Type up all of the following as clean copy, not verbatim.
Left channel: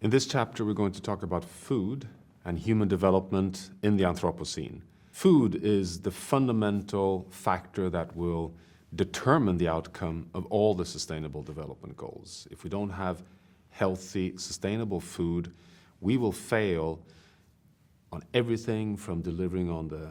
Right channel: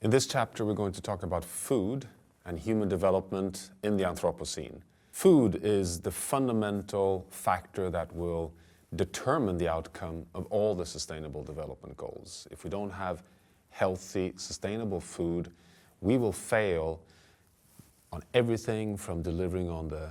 In this chapter, we're going to talk about food and human development in the Anthropocene. Food is the fundamental factor that will determine the outcome of all the Sustainable Development Goals. If we don't have healthy, sustainable food, we will fail on everything from delivering on the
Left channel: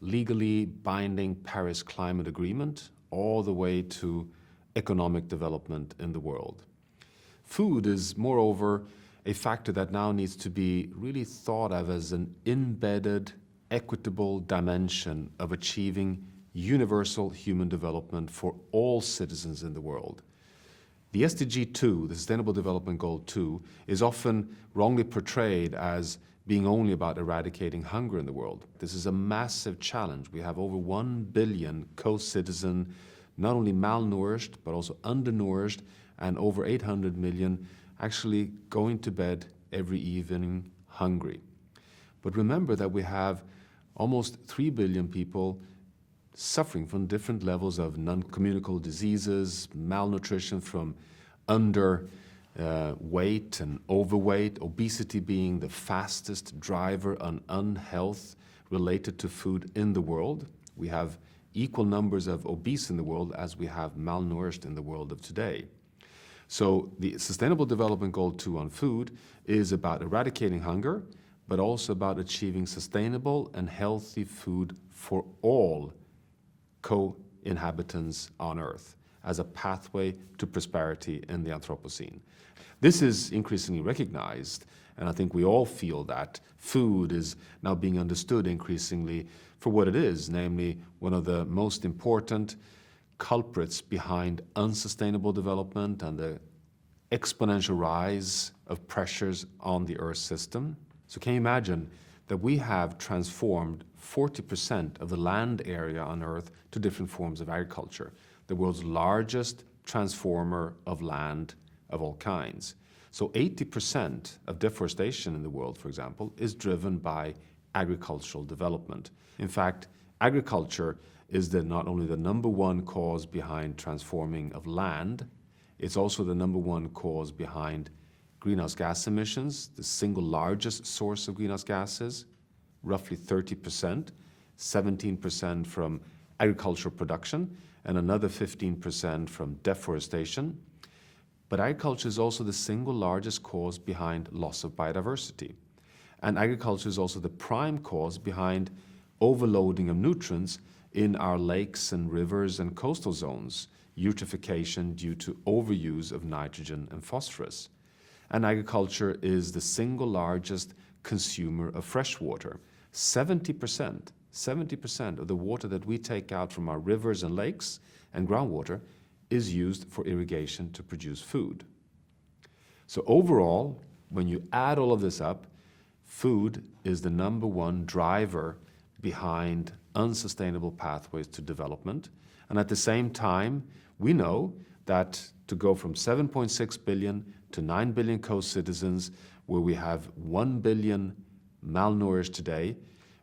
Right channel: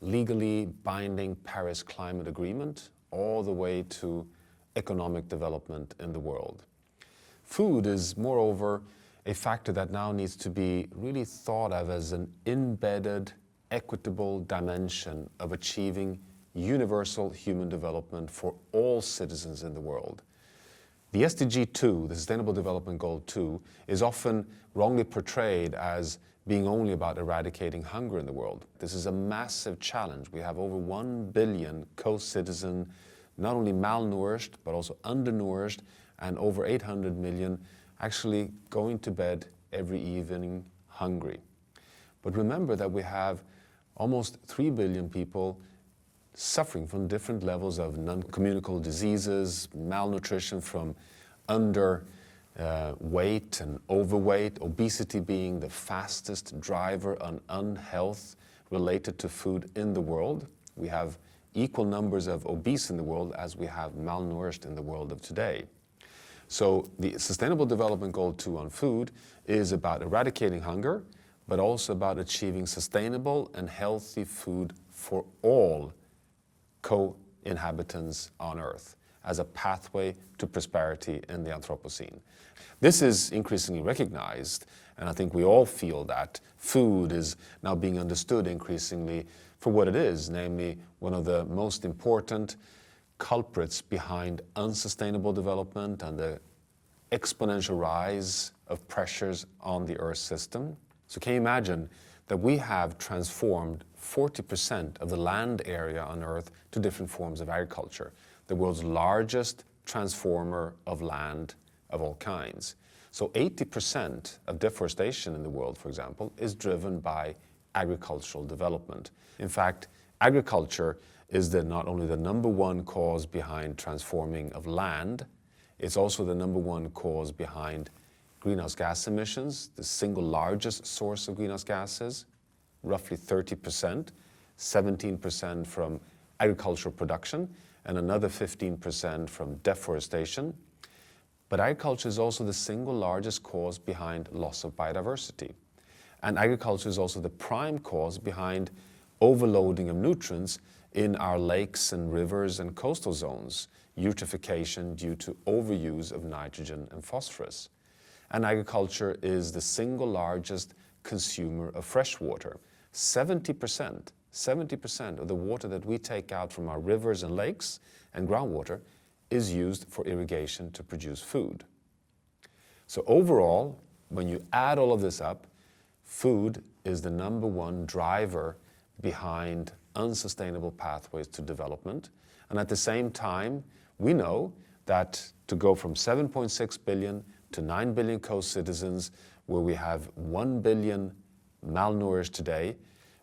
legally binding Paris Climate Agreement all the way to economic development in the world. Food is, moreover, a factor that now needs to be really thought of as an embedded, equitable dimension of achieving universal human development for all citizens in the world. The SDG 2, the Sustainable Development Goal 2, is often wrongly portrayed as being only about eradicating hunger in the world. This is a massive challenge. We have over 1 billion co-citizens, not only malnourished, but also undernourished, and over 800 million actually going to bed every evening hungry. But remember that we have almost 3 billion people suffering from different levels of non-communicable diseases, malnutrition from underweight and overweight, obesity being the fastest driver on unhealth related to food in the world. We have equal numbers of obese in the world as we have malnourished in the world of today. So the Sustainable Development Goal 2 on food is about eradicating hunger, but also about achieving sustainable and healthy food for all co-inhabitants on Earth as a pathway to prosperity in the Anthropocene. This is increasingly recognized, and I think we all feel that food is now being understood increasingly for what it is, namely one of the most important culprits behind unsustainable development and the exponential rise of pressures on the Earth system. So can you imagine that we have transformed 40% of the land area on Earth to different forms of agriculture, the world's largest transformer of land of all kinds. So 80% of deforestation in the world, for example, is driven by agricultural development. In fact, agriculture is not only the number one cause behind transforming of land, it's also the number one cause behind greenhouse gas emissions, the single largest source of greenhouse gases, roughly 30%, 17% from agricultural production, and another 15% from deforestation. But agriculture is also the single largest cause behind loss of biodiversity. And agriculture is also the prime cause behind overloading of nutrients in our lakes and rivers and coastal zones, eutrophication due to overuse of nitrogen and phosphorus. And agriculture is the single largest consumer of fresh water. 70% of the water that we take out from our rivers and lakes and groundwater is used for irrigation to produce food. So overall, when you add all of this up, food is the number one driver behind unsustainable pathways to development. And at the same time, we know that to go from 7.6 billion to 9 billion co-citizens, where we have 1 billion malnourished today,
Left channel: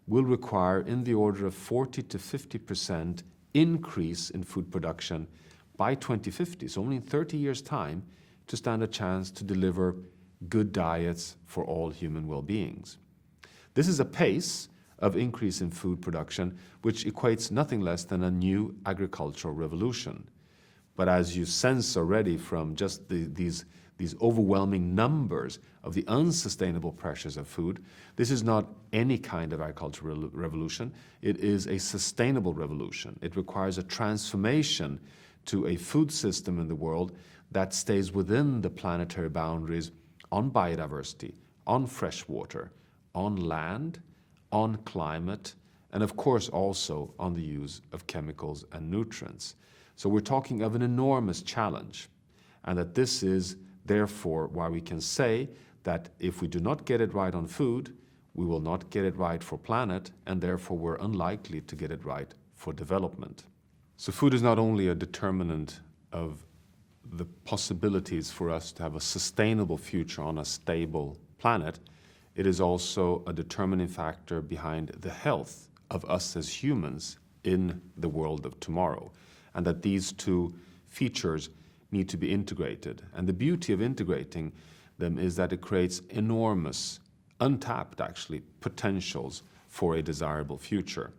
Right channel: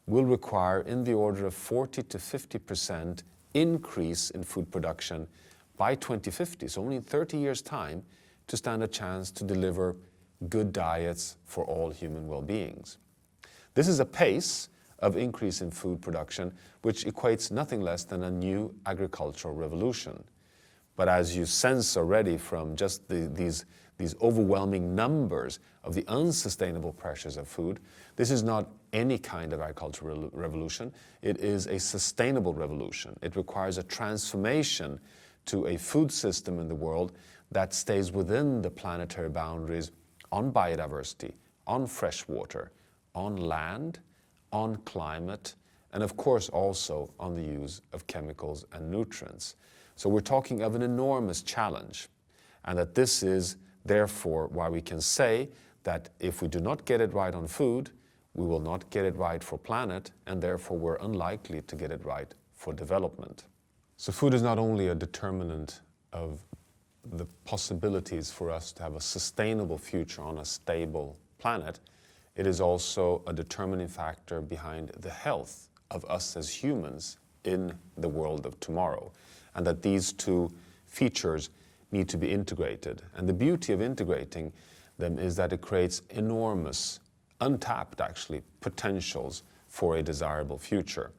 will require in the order of 40 to 50% increase in food production by 2050, so only in 30 years' time, to stand a chance to deliver good diets for all human well-beings. This is a pace of increase in food production which equates nothing less than a new agricultural revolution. But as you sense already from just these overwhelming numbers of the unsustainable pressures of food, this is not any kind of agricultural revolution. It is a sustainable revolution. It requires a transformation to a food system in the world that stays within the planetary boundaries on biodiversity, on fresh water, on land, on climate, and of course also on the use of chemicals and nutrients. So we're talking of an enormous challenge, and that this is therefore why we can say that if we do not get it right on food, we will not get it right for planet, and therefore we're unlikely to get it right for development. So food is not only a determinant of the possibilities for us to have a sustainable future on a stable planet, it is also a determining factor behind the health of us as humans in the world of tomorrow, and that these two features need to be integrated. And the beauty of integrating them is that it creates enormous, untapped actually, potentials for a desirable future.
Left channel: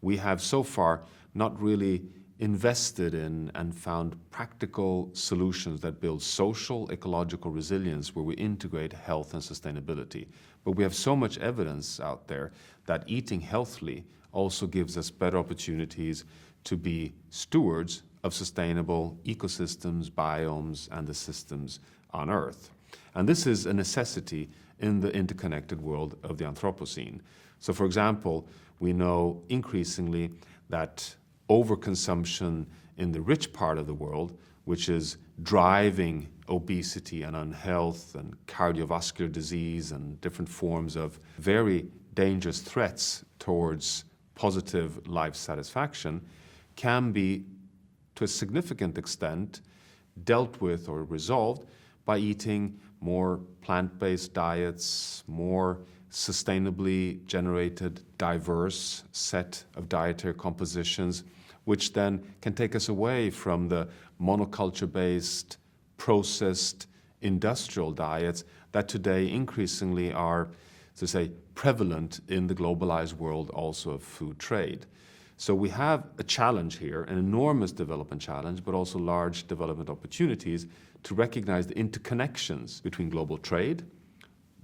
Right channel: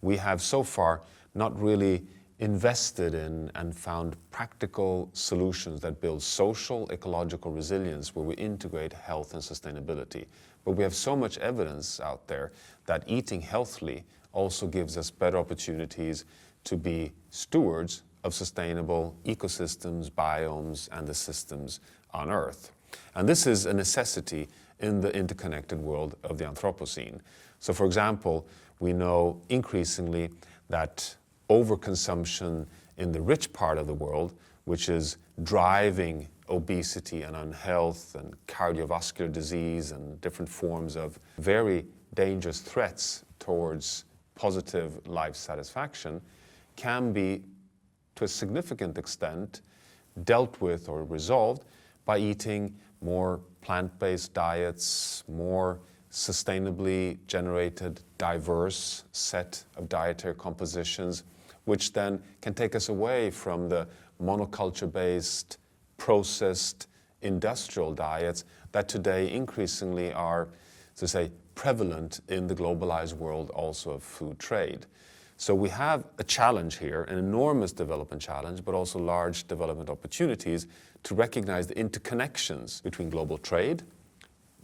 We have so far not really invested in and found practical solutions that build social, ecological resilience where we integrate health and sustainability. But we have so much evidence out there that eating healthily also gives us better opportunities to be stewards of sustainable ecosystems, biomes, and the systems on Earth. And this is a necessity in the interconnected world of the Anthropocene. So for example, we know increasingly that overconsumption in the rich part of the world, which is driving obesity and unhealth and cardiovascular disease and different forms of very dangerous threats towards positive life satisfaction, can be, to a significant extent, dealt with or resolved by eating more plant-based diets, more sustainably generated, diverse set of dietary compositions, which then can take us away from the monoculture-based, processed, industrial diets that today increasingly are, to say, prevalent in the globalized world also of food trade. So we have a challenge here, an enormous development challenge, but also large development opportunities to recognize the interconnections between global trade,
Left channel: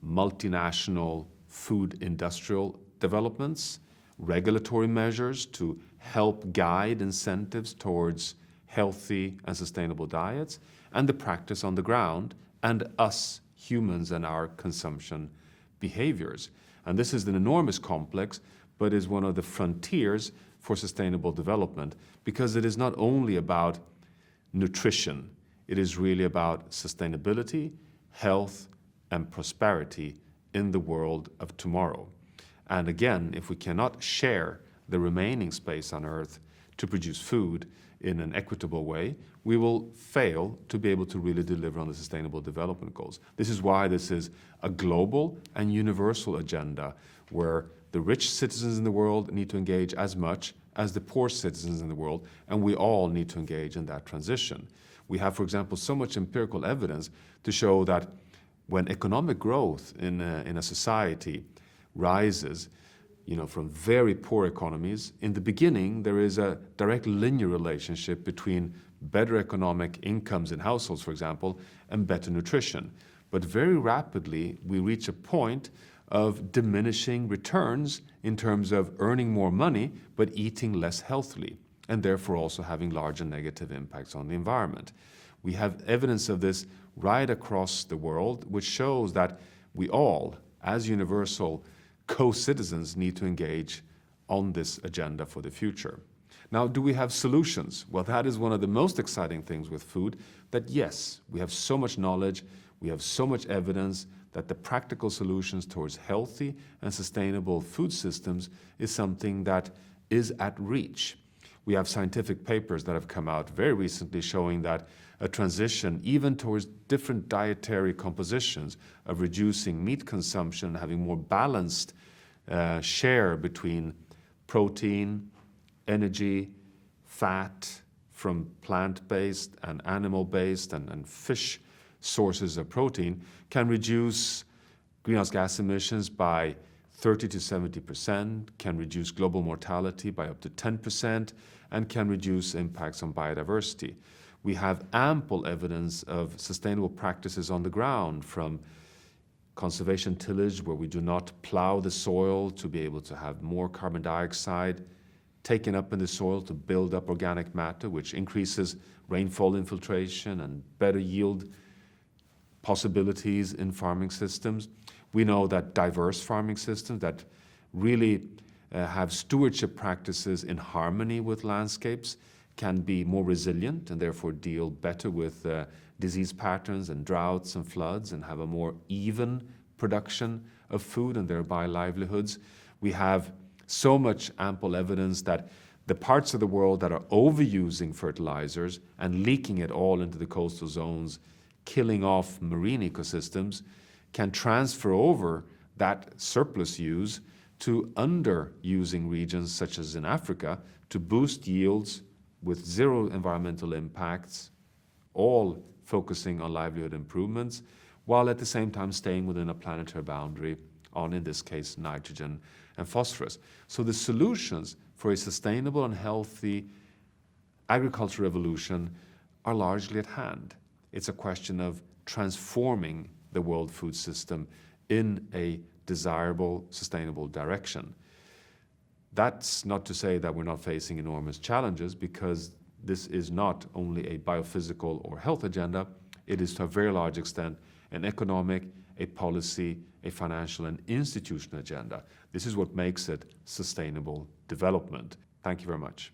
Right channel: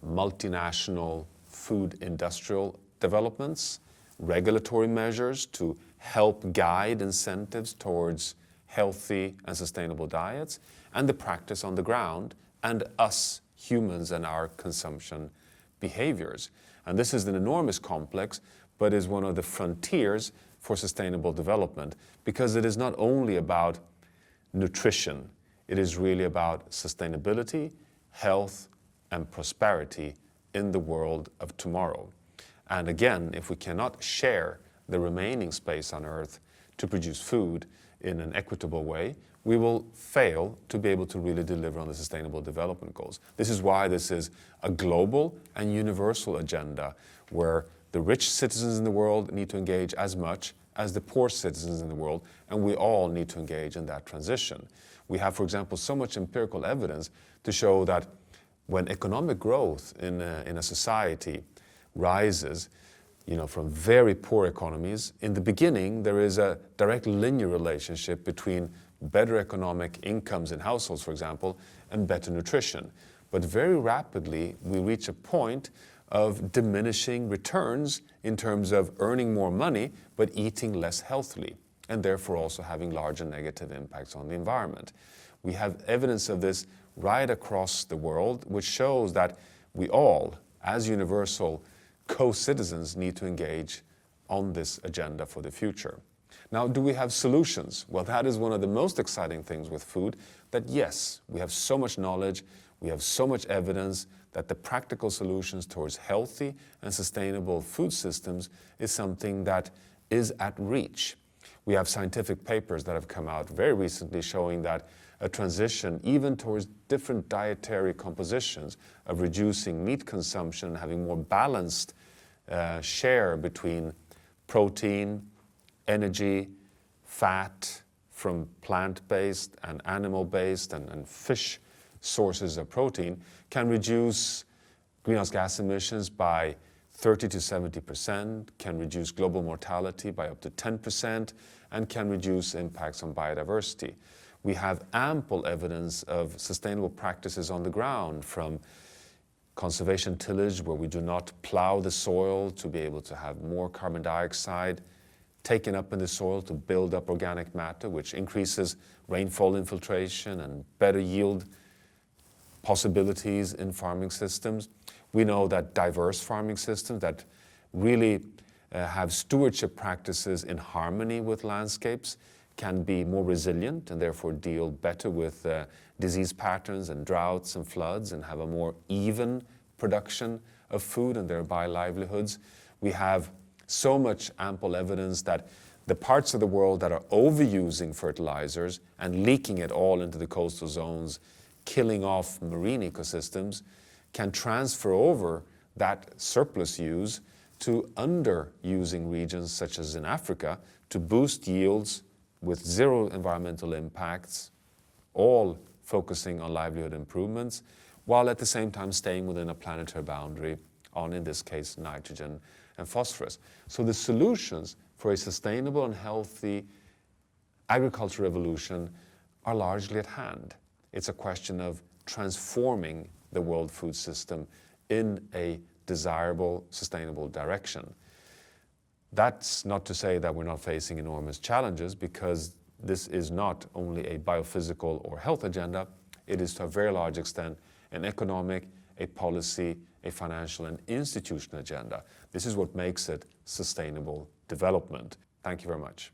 multinational food industrial developments, regulatory measures to help guide incentives towards healthy and sustainable diets, and the practice on the ground, and us humans and our consumption behaviors. And this is an enormous complex, but is one of the frontiers for sustainable development, because it is not only about nutrition, it is really about sustainability, health, and prosperity in the world of tomorrow. And again, if we cannot share the remaining space on Earth to produce food in an equitable way, we will fail to be able to really deliver on the Sustainable Development Goals. This is why this is a global and universal agenda where the rich citizens in the world need to engage as much as the poor citizens in the world, and we all need to engage in that transition. We have, for example, so much empirical evidence to show that when economic growth in a society rises, from very poor economies, in the beginning there is a direct linear relationship between better economic incomes in households, for example, and better nutrition. But very rapidly we reach a point of diminishing returns in terms of earning more money but eating less healthily, and therefore also having larger negative impacts on the environment. We have evidence of this right across the world, which shows that we all, as universal co-citizens, need to engage on this agenda for the future. Now, do we have solutions? Well, that is one of the most exciting things with food, that yes, we have so much knowledge, we have so much evidence that the practical solutions towards healthy and sustainable food systems is something that is at reach. We have scientific papers that have come out very recently showing that a transition even towards different dietary compositions of reducing meat consumption, having more balanced share between protein, energy, fat from plant-based and animal-based and fish sources of protein can reduce greenhouse gas emissions by 30 to 70%, can reduce global mortality by up to 10%, and can reduce impacts on biodiversity. We have ample evidence of sustainable practices on the ground, from conservation tillage, where we do not plow the soil to be able to have more carbon dioxide taken up in the soil to build up organic matter, which increases rainfall infiltration and better yield possibilities in farming systems. We know that diverse farming systems that really have stewardship practices in harmony with landscapes can be more resilient and therefore deal better with disease patterns and droughts and floods, and have a more even production of food and thereby livelihoods. We have so much ample evidence that the parts of the world that are overusing fertilizers and leaking it all into the coastal zones, killing off marine ecosystems, can transfer over that surplus use to underusing regions such as in Africa to boost yields with zero environmental impacts, all focusing on livelihood improvements. while at the same time staying within a planetary boundary on, in this case, nitrogen and phosphorus. So the solutions for a sustainable and healthy agricultural revolution are largely at hand. It's a question of transforming the world food system in a desirable, sustainable direction. That's not to say that we're not facing enormous challenges, because this is not only a biophysical or health agenda, it is to a very large extent an economic, a policy, a financial and institutional agenda. This is what makes it sustainable development. Thank you very much.